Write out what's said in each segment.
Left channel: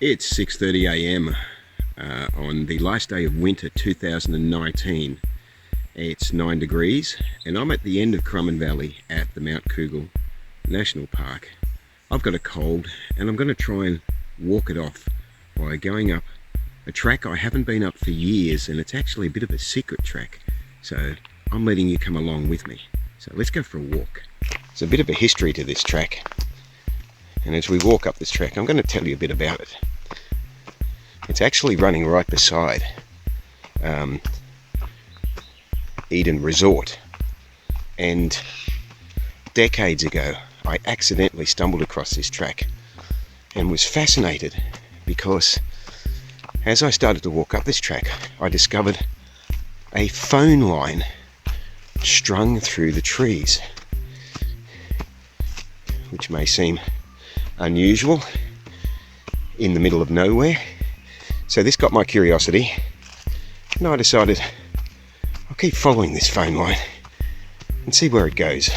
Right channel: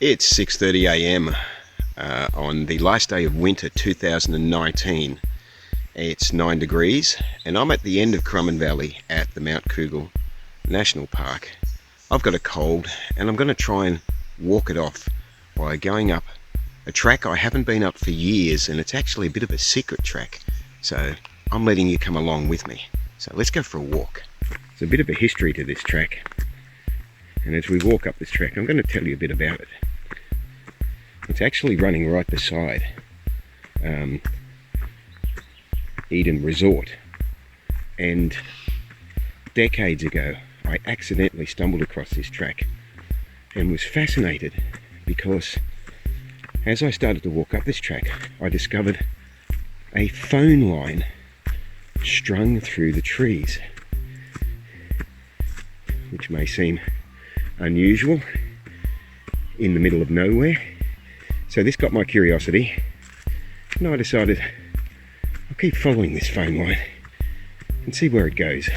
It's 6:30 a.m. On the last day of winter 2019. It's 9 degrees and I'm at the end of Currumbin Valley at the Mount Cougal National Park. I've got a cold and I'm going to try and walk it off by going up a track I haven't been up for years, and it's actually a bit of a secret track, so I'm letting you come along with me. So let's go for a walk. There's a bit of a history to this track, and as we walk up this track I'm going to tell you a bit about it. It's actually running right beside Eden Resort, and decades ago I accidentally stumbled across this track and was fascinated because as I started to walk up this track I discovered a phone line strung through the trees, which may seem unusual in the middle of nowhere. So this got my curiosity and I decided I'll keep following this phone line and see where it goes.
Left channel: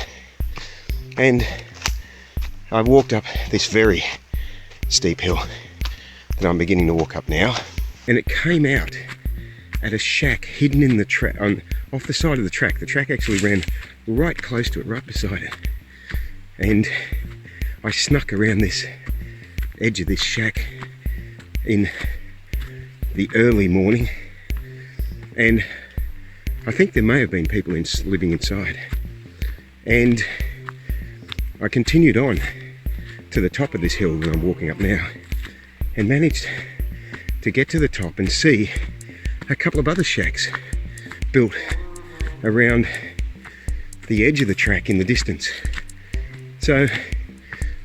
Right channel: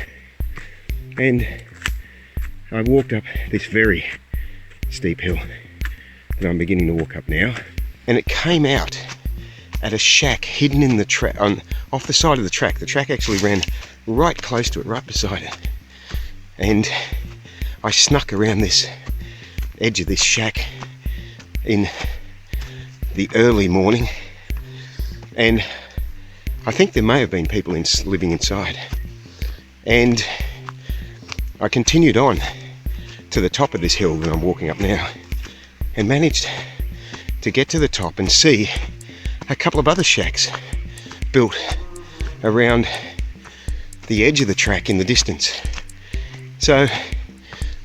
And I walked up this very steep hill that I'm beginning to walk up now, and it came out at a shack hidden in the track, off the side of the track. The track actually ran right close to it, right beside it. And I snuck around this edge of this shack in the early morning, and I think there may have been people living inside. And I continued on to the top of this hill that I'm walking up now and managed to get to the top and see a couple of other shacks built around the edge of the track in the distance. So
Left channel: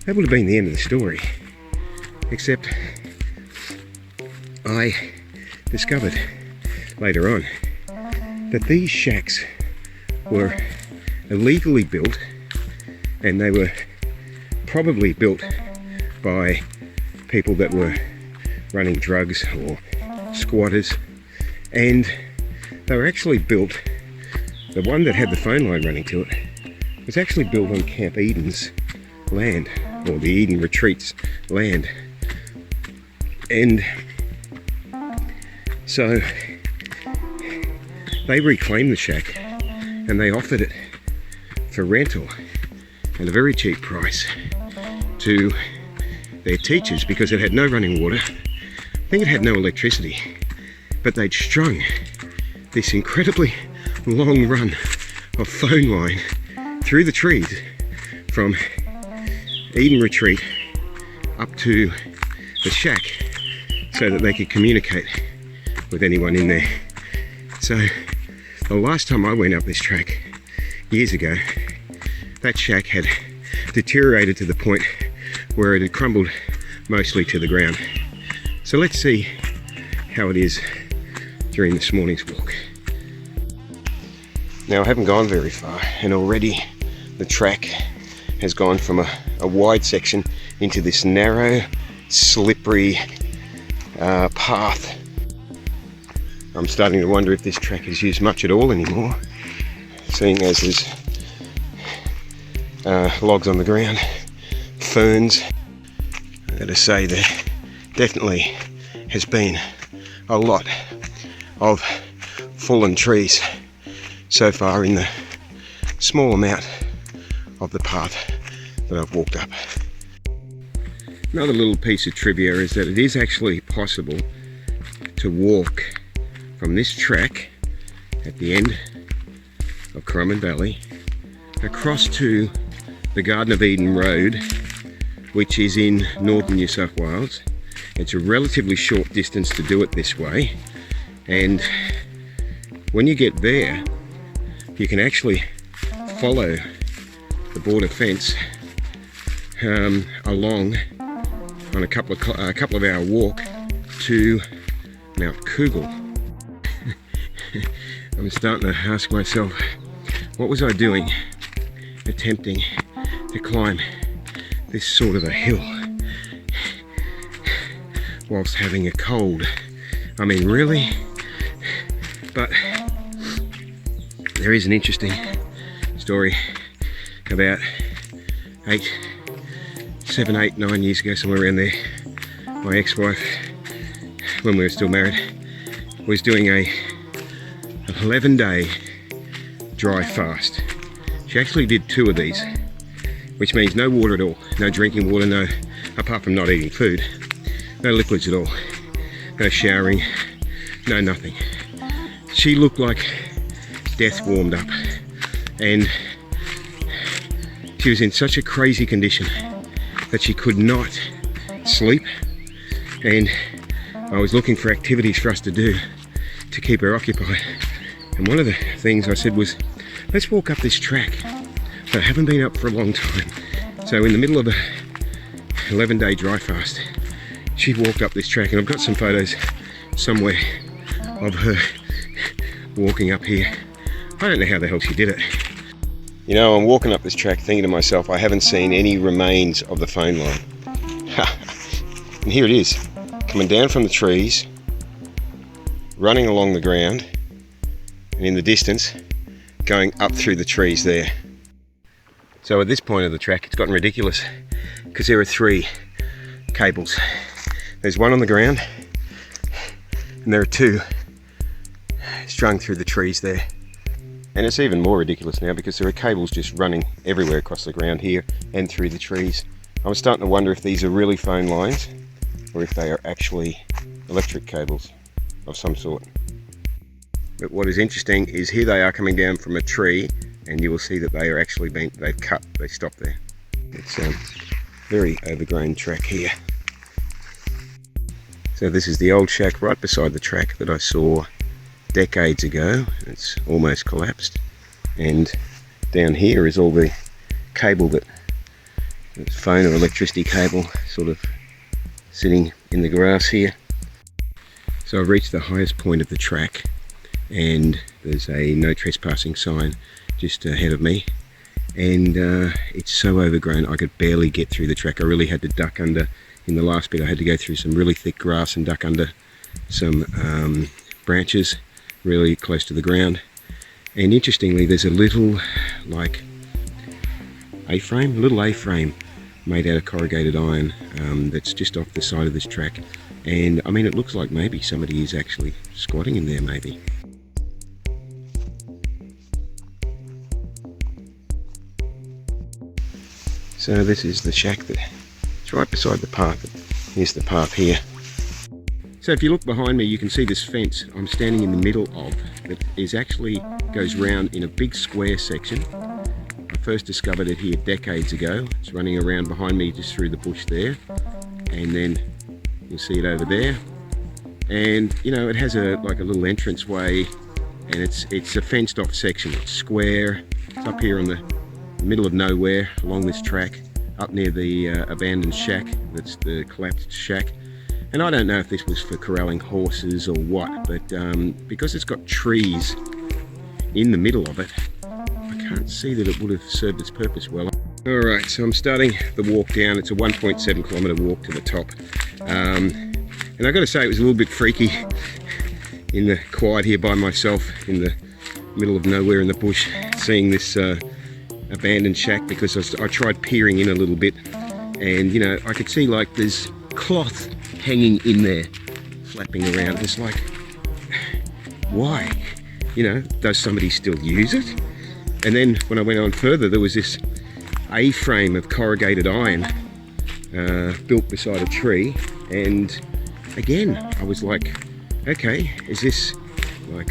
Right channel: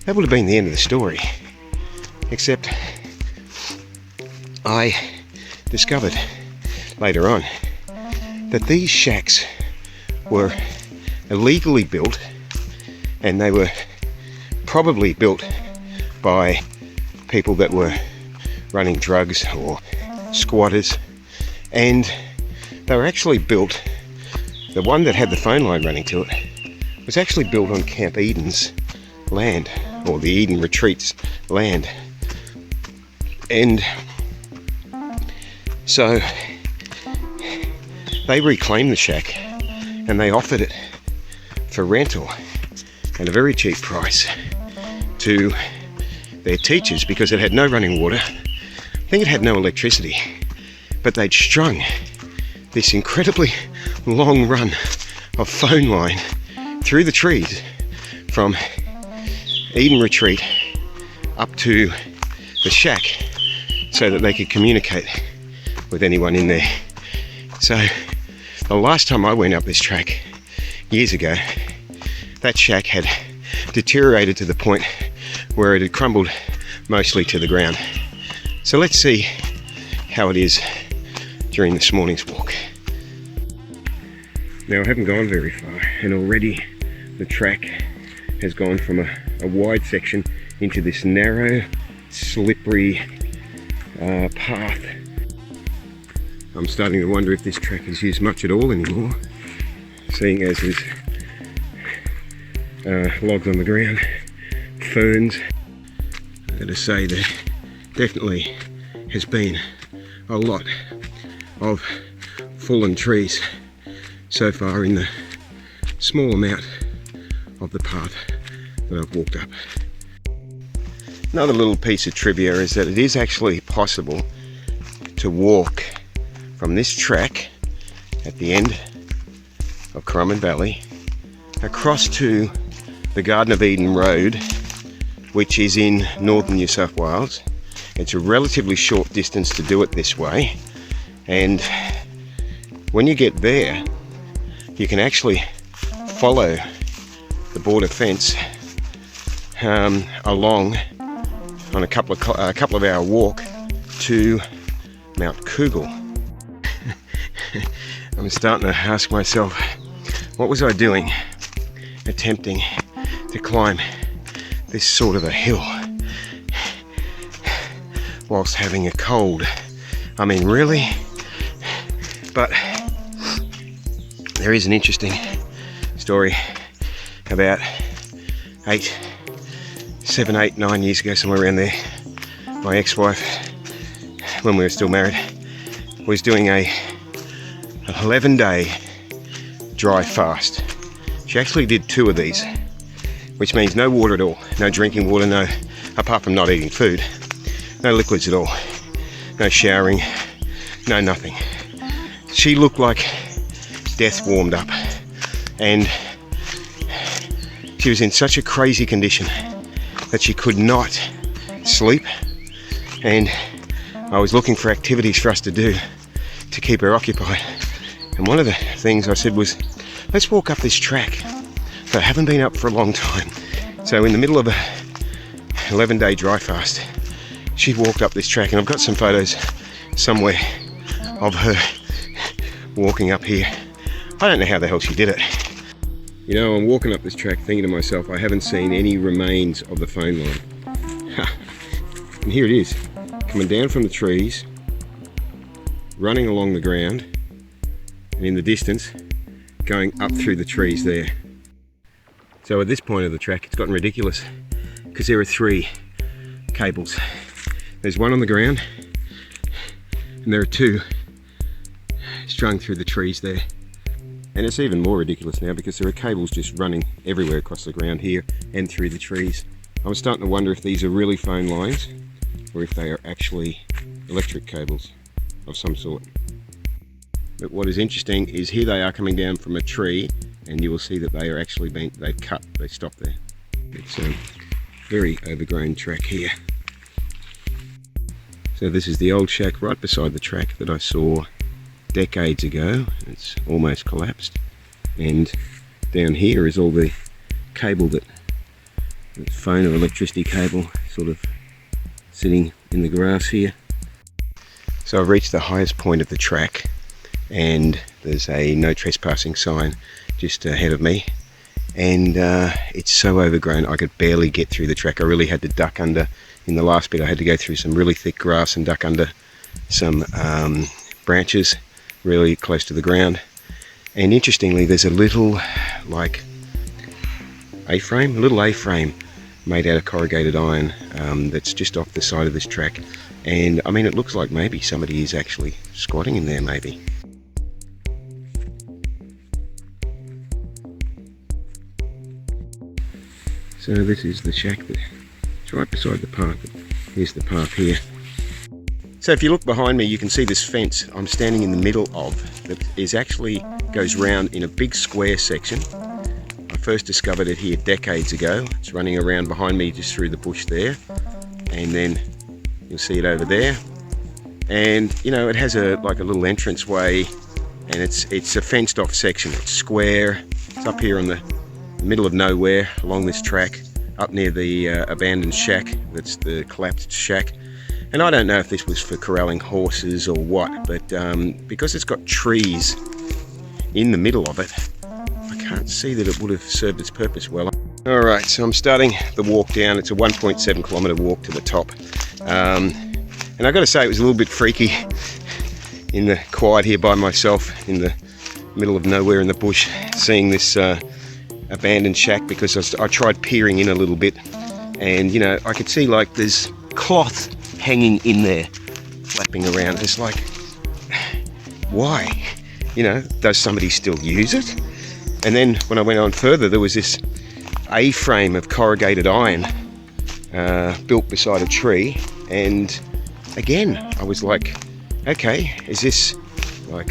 that would have been the end of the story, except I discovered later on that these shacks were illegally built, and they were probably built by people that were running drugs or squatters, and they were actually built, the one that had the phone line running to it was actually built on Camp Eden's land, or the Eden Retreat's land. And so they reclaimed the shack and they offered it for rental at a very cheap price to their teachers, because it had no running water. I think it had no electricity, but they'd strung this incredibly long run of phone line through the trees from Eden Retreat up to the shack so that they could communicate with anyone in there. So the last time I went up this track years ago, that shack had deteriorated to the point where it had crumbled mostly to the ground. So let's see how it is during this morning's walk. Now I haven't gone very far and already the track has gone from a wide section into this narrow, slippery path. I'm starting to wonder if this track is used much at all anymore, seeing as there's logs on the ground, ferns. I've got to say there definitely has been a lot of fallen trees so far in the small amount of the path that I've walked up. Another little piece of trivia is that it is actually possible to walk from this track at the end of Currumbin Valley across to the Garden of Eden Road, which is in northern New South Wales. It's a relatively short distance to do it this way, and when you get there you can actually follow the border fence along on a couple of hour walk to Mount Cougal. I'm starting to ask myself, what was I doing attempting to climb this sort of a hill whilst having a cold? I mean, really? But there is an interesting story about 7, 8, 9 years ago, somewhere around there, my ex-wife, when we were still married, was doing a 11-day dry fast. She actually did 2 of these, which means no water at all, no drinking water, no, apart from not eating food, no liquids at all, no showering, no nothing. She looked like death warmed up, and she was in such a crazy condition that she could not sleep, and I was looking for activities for us to do to keep her occupied. And one of the things I said was, let's walk up this track that I haven't been up for a long time. So in the middle of a 11-day dry fast, she walked up this track, and I've got some photos somewhere of her walking up here. I don't know how the hell she did it. You know, I'm walking up this track thinking to myself, I haven't seen any remains of the phone line. Ha! And here it is, coming down from the trees, running along the ground, and in the distance, going up through the trees there. So at this point of the track, it's gotten ridiculous because there are 3 cables. There's one on the ground, and there are 2 strung through the trees there. And it's even more ridiculous now because there are cables just running everywhere across the ground here and through the trees. I was starting to wonder if these are really phone lines or if they are actually electric cables of some sort. But what is interesting is here they are coming down from a tree, and you will see that they are actually they've cut, they stopped there. It's a very overgrown track here. So this is the old shack right beside the track that I saw decades ago. It's almost collapsed, and down here is all the cable that's phone or electricity cable sort of sitting in the grass here. So I've reached the highest point of the track, and there's a no trespassing sign just ahead of me, and it's so overgrown I could barely get through the track. I really had to duck under. In the last bit I had to go through some really thick grass and duck under some branches really close to the ground. And interestingly, there's a little like A-frame, a little A-frame made out of corrugated iron that's just off the side of this track, and I mean it looks like maybe somebody is actually squatting in there maybe. So this is the shack it's right beside the path. Here's the path here. So if you look behind me, you can see this fence I'm standing in the middle of that goes round in a big square section. I first discovered it here decades ago. It's running around behind me just through the bush there, and then you'll see it over there. And you know, it has like a little entrance way, and it's a fenced off section. It's square. It's up here in the middle of nowhere along this track, up near the abandoned shack. That's the collapsed shack. And I don't know if this was for corralling horses or what, but because it's got trees in the middle of it, I can't see that it would have served its purpose well. All right, so I'm starting the walk down. It's a 1.7 kilometre walk to the top. And I've got to say, it was a little bit freaky in the quiet here by myself in the middle of nowhere in the bush, seeing this abandoned shack, because I tried peering in a little bit, and you know, I could see like there's cloth hanging in there flapping around. It's like, why? You know, does somebody still use it? And then when I went on further, there was this A-frame of corrugated iron built beside a tree, and again I was like, okay, is this like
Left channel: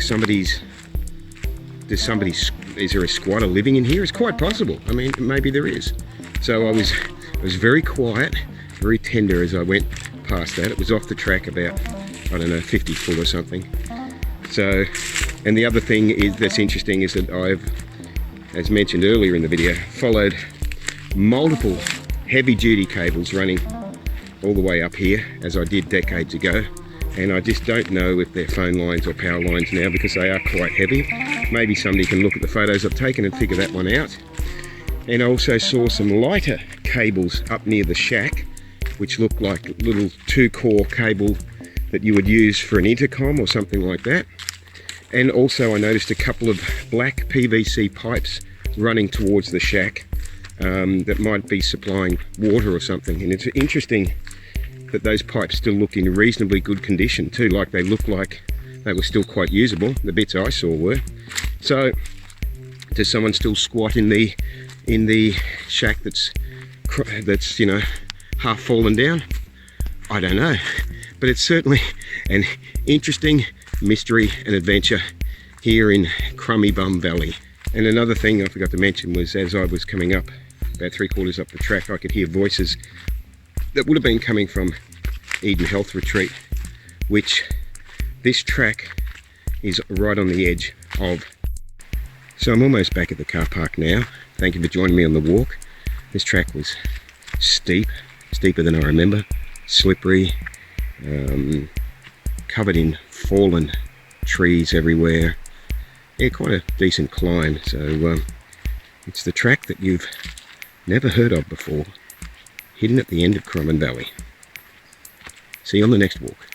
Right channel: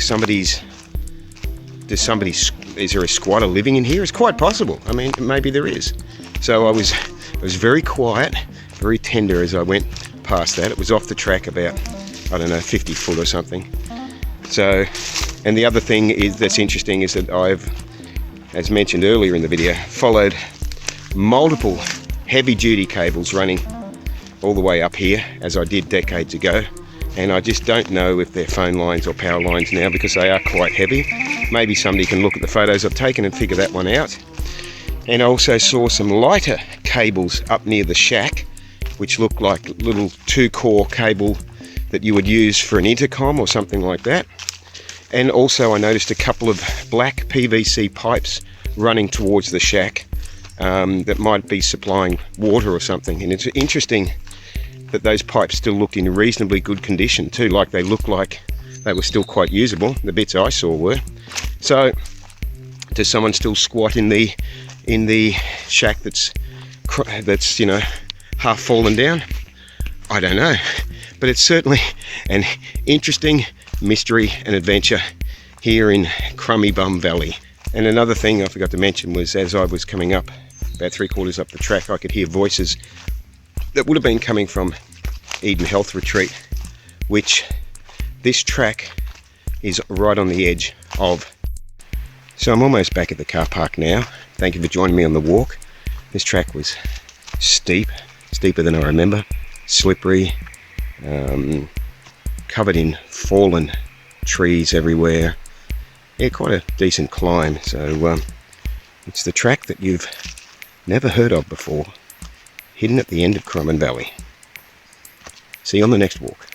is there a squatter living in here? It's quite possible. I mean, maybe there is. So I was very quiet, very tender as I went past that. It was off the track about, I don't know, 50 foot or something. So, and the other thing that's interesting is that I've, as mentioned earlier in the video, followed multiple heavy duty cables running all the way up here, as I did decades ago. And I just don't know if they're phone lines or power lines now, because they are quite heavy. Maybe somebody can look at the photos I've taken and figure that one out. And I also saw some lighter cables up near the shack, which looked like little 2-core cable that you would use for an intercom or something like that. And also I noticed a couple of black PVC pipes running towards the shack that might be supplying water or something. And it's interesting that those pipes still looked in reasonably good condition too, like they looked like they were still quite usable. The bits I saw were. So does someone still squat in the shack that's you know, half fallen down? I don't know, but it's certainly an interesting mystery and adventure here in Currumbin Valley. And another thing I forgot to mention was, as I was coming up about 3/4 up the track, I could hear voices that would have been coming from Eden Health Retreat, which this track is right on the edge of. So I'm almost back at the car park now. Thank you for joining me on the walk. This track was steep, steeper than I remember, slippery, covered in fallen trees everywhere. Yeah, quite a decent climb. So it's the track that you've never heard of before, hidden at the end of Currumbin Valley. See you on the next walk.